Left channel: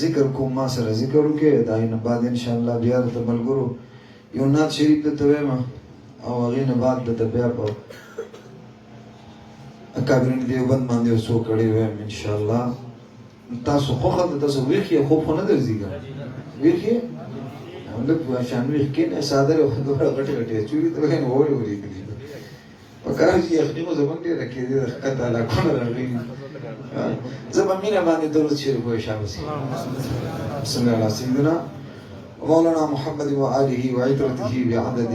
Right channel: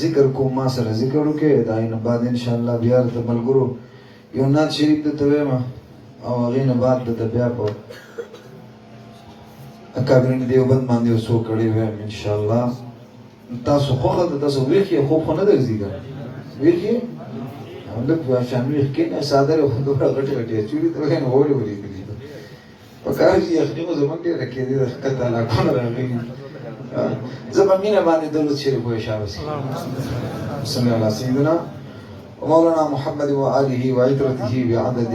ذکر کو ما سره ذکر وکړي دا نه بعد ان شاء الله بیا د ملګرو یو نعت شریف ته وایم او هغه نه بعد د بیا په اکابرین دیوبند باندې وسو کړي وایم ان شاء الله تاسو خو تاسو ویخي خو نه درځي ویخي همدغه واشان ویخي نه ساده خو دوه غټه غټه چوری ته نه وړي وړي دي وکړي یخنیمو زمونږ کې راکې دي کته لا کومه راغلي زمامينا بعد دولة شريف ويشابه بسم الله على سيدنا ومولانا محمد وآله وعطرته بعدد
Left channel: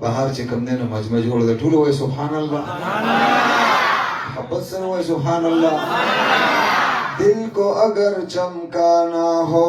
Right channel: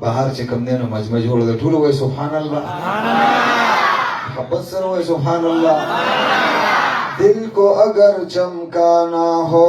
بهار چې کم دینو مجمع جوړ د ټول وای سبحان الله محبت سره وای سبحان الله دل کو اگر چمکانا ہو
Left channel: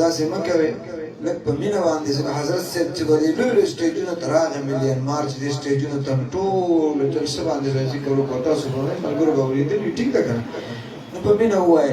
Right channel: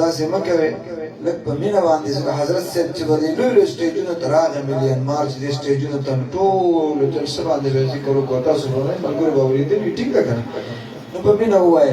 دا سیمه کوي لکه په مینا باندې چې حضرت صاحب چې ولې لوی سټیجونه تراغه مليان مارچ دي سټیجونه تن ټول تر څو باندې ذکر وکړو تاسو په ملګرو باندې دې ټیک ده کنه په مینا وای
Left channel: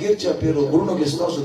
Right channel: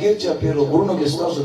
ګیر چا پیرو غرونو کې ستاسو د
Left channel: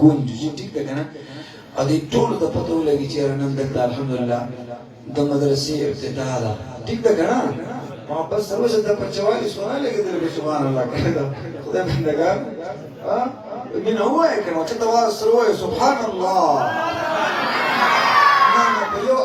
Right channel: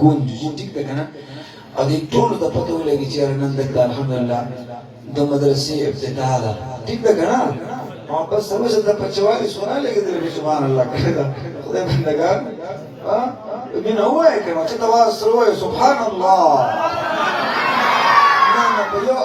گونجي ټیک ده کنه ا دې ټول د پته ولګي چې نن د الحمدلله د مدرسې ابتداء ده ټیک ده کنه محبت سره چې د پچوالي سوال لګیدل سبحان الله کړه خدای بندگان ها من هو کنه چې تواز سره سبحان الله نن په یو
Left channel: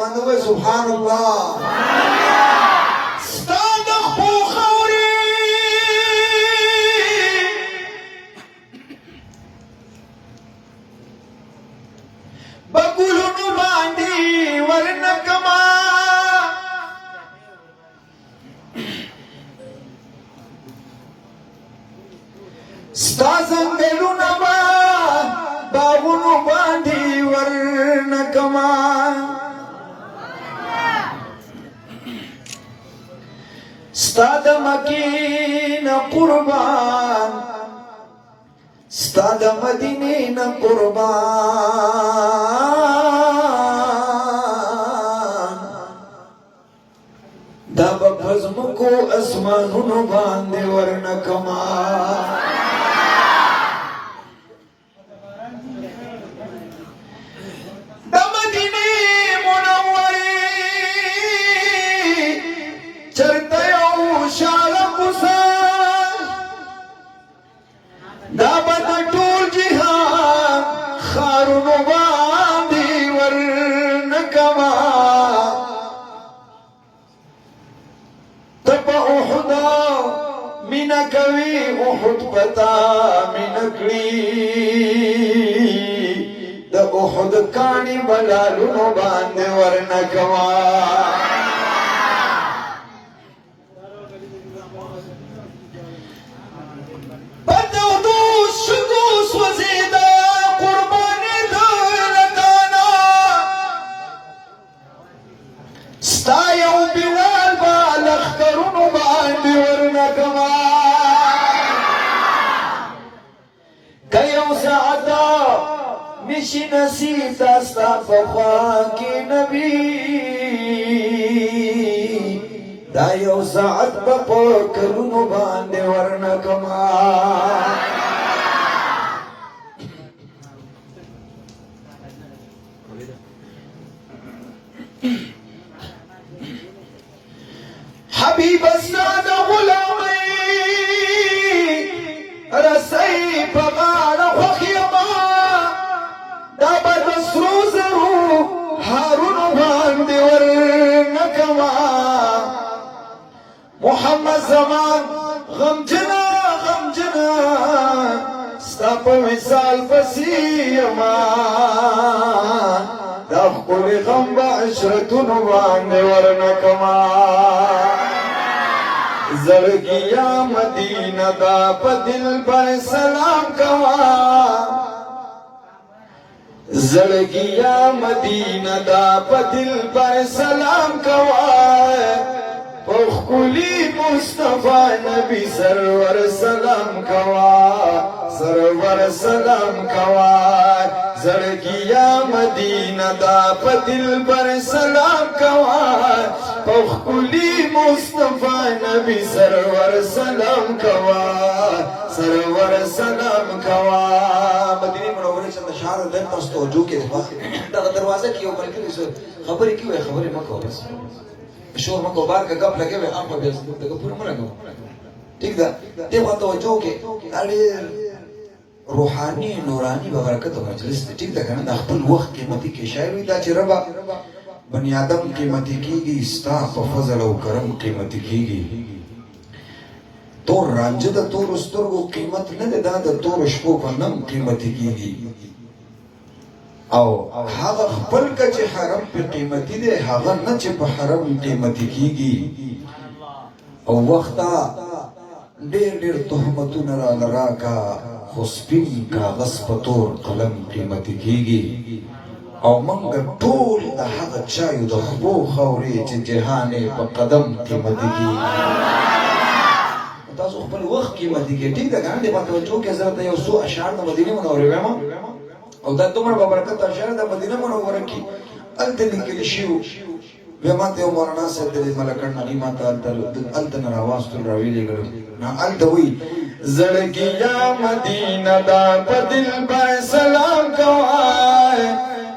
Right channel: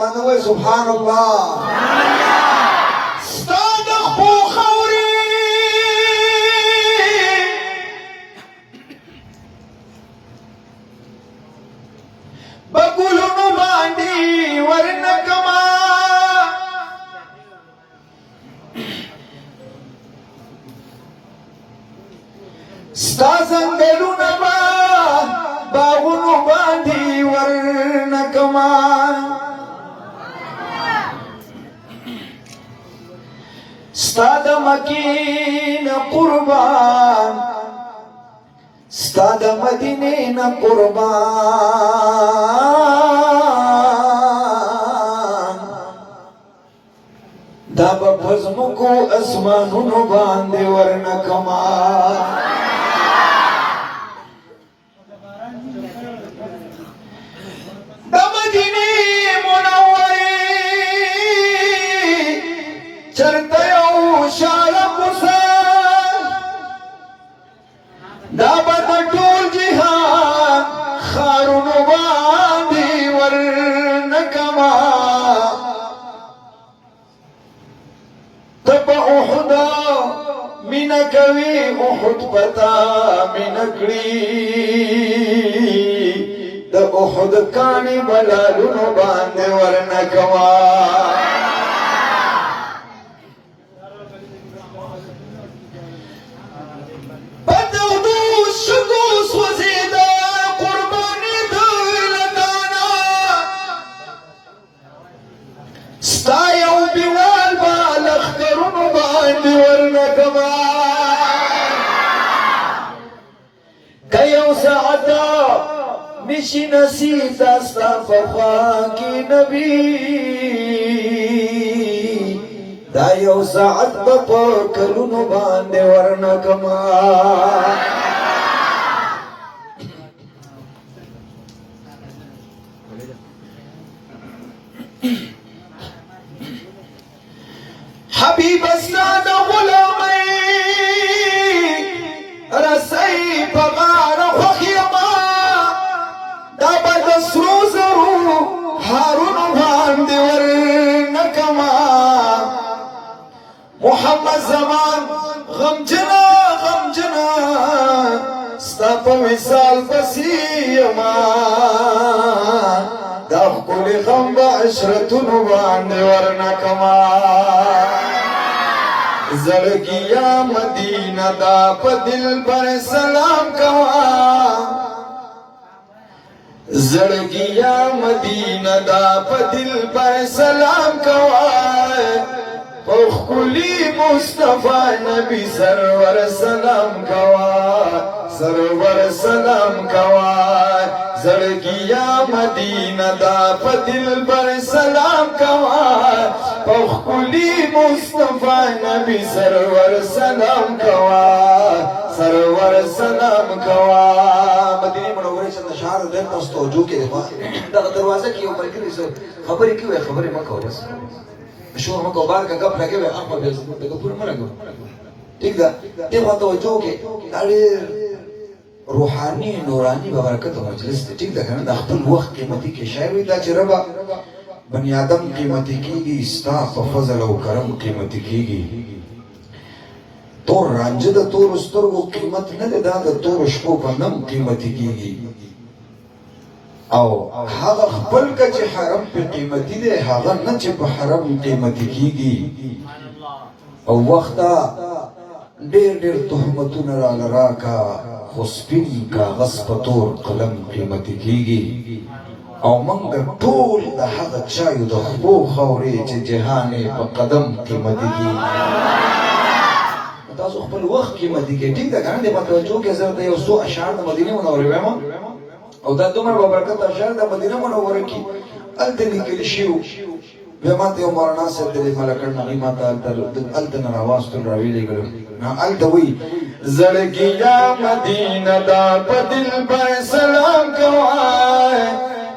باندې وای سبحان الله بگلونو باندی ورنکما ستا زنگلونو باغونو باندی ورنکما ستا د مکین قربان ستا د مدینې نه قربان دا به پزمکو اسمانونو باندې ورنکما د مدینې منورې چرته یو شاله کوڅه دا به د ټول جهان ښارونو باندې ورنکما ته په احد مینه کوي احد پتا مینه کړي د احد کاڼي بلالونو باندې ورنکما ستا یو بلال با لخکرونو باندې ورنکما که یو ساعتا نشي نصیتا ستا په خوا کې نبي دا یو ساعت به په کلونو باندې ورنکما حبیب استاد غلامی رسی پمار خوخیما دا بد سرو زرو حارون باندې ورنکما محمد زمان غمجنا غمجنا ستا په وصال پسیما دا خپل غم د عشرتونو باندې ورنکما زړګیا مدینه دا په دل پر سلام کوا زړګیا مدینه دا په دل پر سلام کوا خلی مصطفی نبی سرور سلام کوا سرور سلام کوا زړګیا مدینه دا په دل پر سلام کوا خلی مصطفی نبی سرور سلام کوا سرور سلام کوا مدینه منوره چند شعر در تاسو توجه کړئ دا دروازه کې یو ملګری سو خبرې کوي خبرې مکو بس شو مکو بار کا غپ لګي وي اپ بس دغه پور نه لګو ٹھیک ده دغه توجه کې اړ روحاني نوراني ببرکت مجلس ته ټیک ده کنه د خپل وخت قیمتي کې شاعر دا چې ربا بني آدم قیمتي کیږي ستا په فضل او کرم قیمتي کیږي تور رانجه د تور سترګو قیمت نه ده دا د تور شپو په نم قیمتي کیږي او هغه خپل چې حرم په قیمتي دی هغه نه چې په حرم قیمتي کیږي او وخت ډېر ډېر تهمتونه را لراکا خو سپین کاغذ په تور قلم قیمتي کیږي او موږ ټول د هغه چایو د خبو خاورې چې جهان په قدم قیمتي کیږي تاسو خپل وخت قیمتي کې ټیک ده کنه د توجه کې زه ته یو څو اشعار د مدینه منورې وایم او دا دومره بابرکت اشعار د مدینه منوره کې الته لیکل شوی بیا ماته یو مولانا صاحب د ملکړ نغمه ماته الته نه راواز تر راویلې ګل نه الته وی زړګي یا مدینه دا په دل به سلام کوای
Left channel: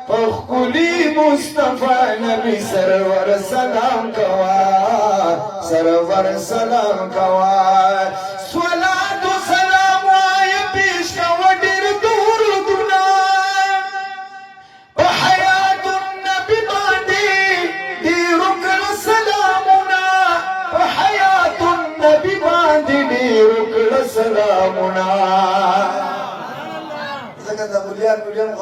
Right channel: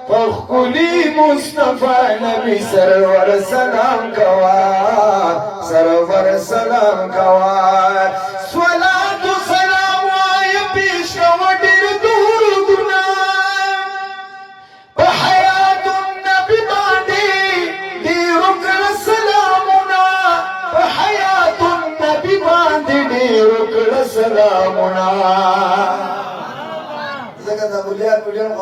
فخلی مصطفی نبی سرور سلام کوای سرور سلام کوای صلوات و سلام وای پیش و ډیر درودونه په حیات النبی باندې ډیر کړه سلامونه په حیات النبی باندې ډیر کړه سلامونه زګا د بولیان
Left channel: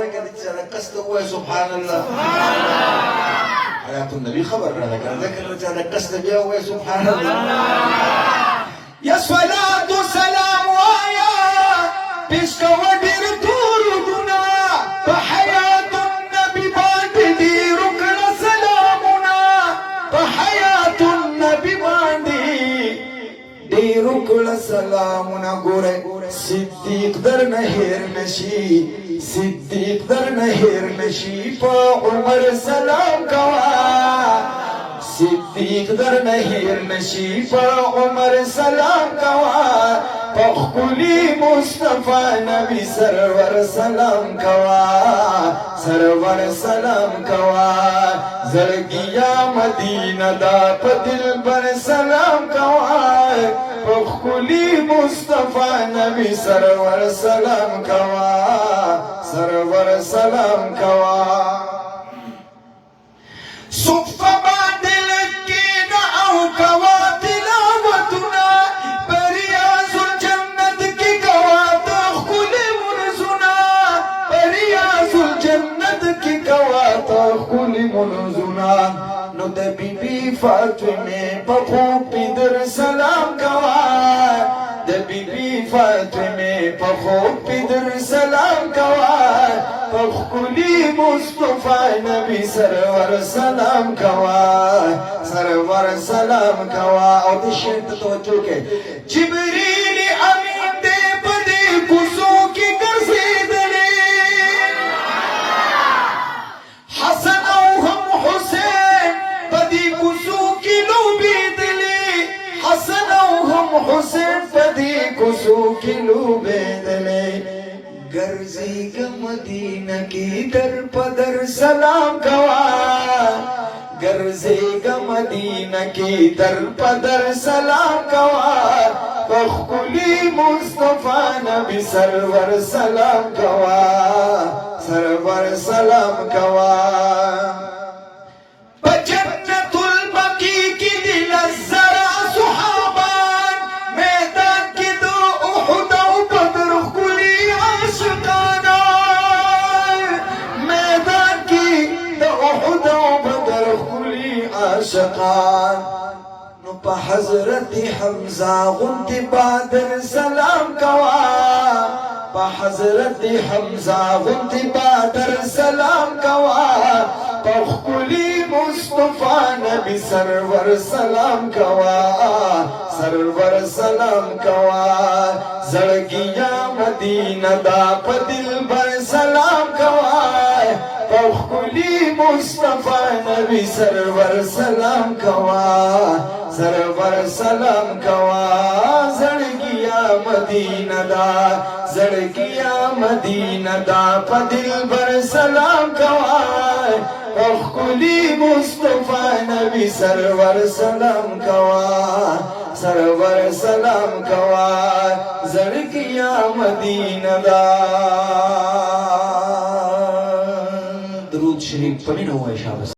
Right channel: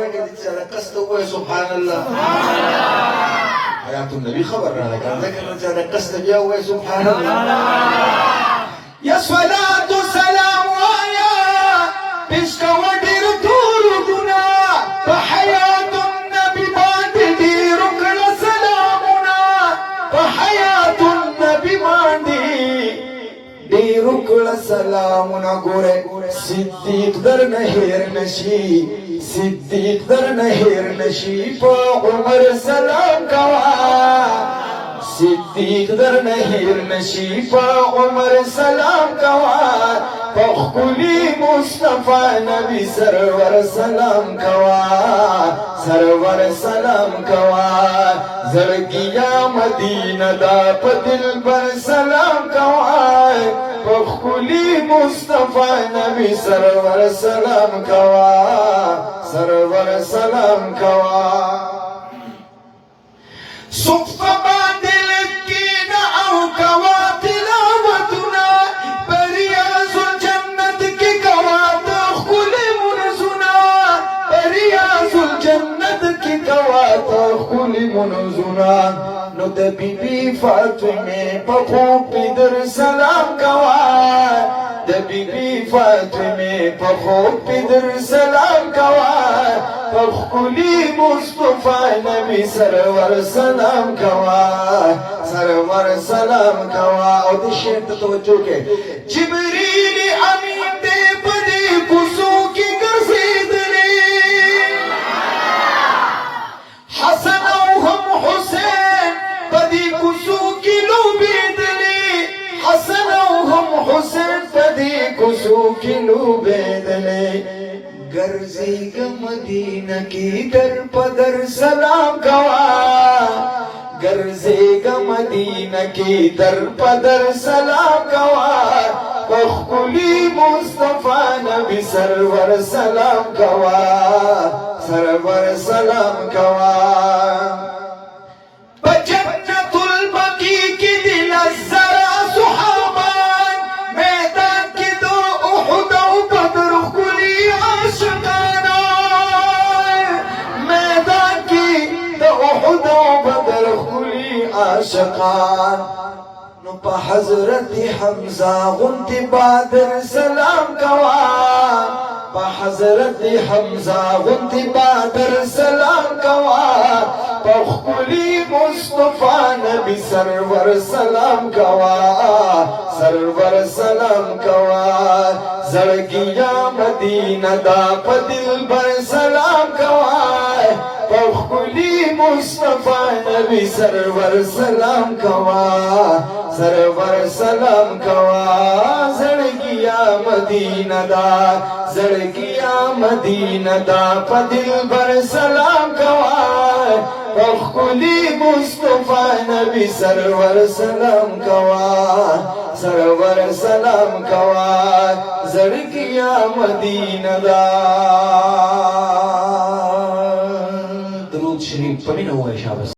راکړي چې قصد وای سبحان الله حیات النبی خبر را کړه ذکر چې دا قصد بیا وای سبحان الله یا صلوات و سلام وایا پیشکو ډیر درودونه په حیات النبی باندې ډیر کړه سلامونه په حیات النبی باندې ډیر کړه سلامونه ګوره صدیق در نه هیر نشي صدیق در نه هیر نشي په عمر سلام کوا صدیق در نه هیر نشي په عمر سلام کوا په خپلی مصطفی نبی سرور سلام کوا سرور سلام کوا زړګیا مدینه دا په دل بر سلام کوا په خپلی مصطفی نبی سرور سلام کوا سرور سلام کوا صفه باندې لکینا او کوا تلاوتنا بریاض الجنت کی کوا تخلی منزنا بریاض الجنت کی کوا تخلی منزنا نو د بیبي فاطمه په خوب در سلام کوا د بیبي فاطمه په خوب در سلام کوا په خلی مصطفی نبی سرور سلام کوا سرور سلام کوا او د شعر ته توجه کې جبرئیل امین دې په دې کوڅو کې ګرځېدلې حسن او هم حسین په دې کوڅو کې لوبېدلې حسن او هم حسین په دې کوڅو کې لوبېدلې ګرځېږه مدینه کې در په در سلام کوا ګرځېږه مدینه کې در په در سلام کوا په خپلې مصطفی نبی سرور سلام کوا سرور سلام کوا په جنت البقیع کې دي نظره صحابان میدان کې د احد او بدر ښکلي عاشقانا میدان کې د احد او بدر ښکلي عاشقان نو په حضرت حمزه غوندې بادر سلام کوا په حضرت حمزه غوندې بادر سلام کوا په خپلې مصطفی نبی سرور سلام کوا سرور سلام کوا زړګیا مدینه دا په دل بر سلام کوا په خپلې مصطفی نبی سرور سلام کوا سرور سلام کوا زړګیا مدینه دا زړګیا مدینه دا په دل بر سلام کوا په خپلې مصطفی نبی سرور سلام کوا سرور سلام کوا زړکیا مدینه دا درود شریف پڑھی نہ ہوا ہے شاباش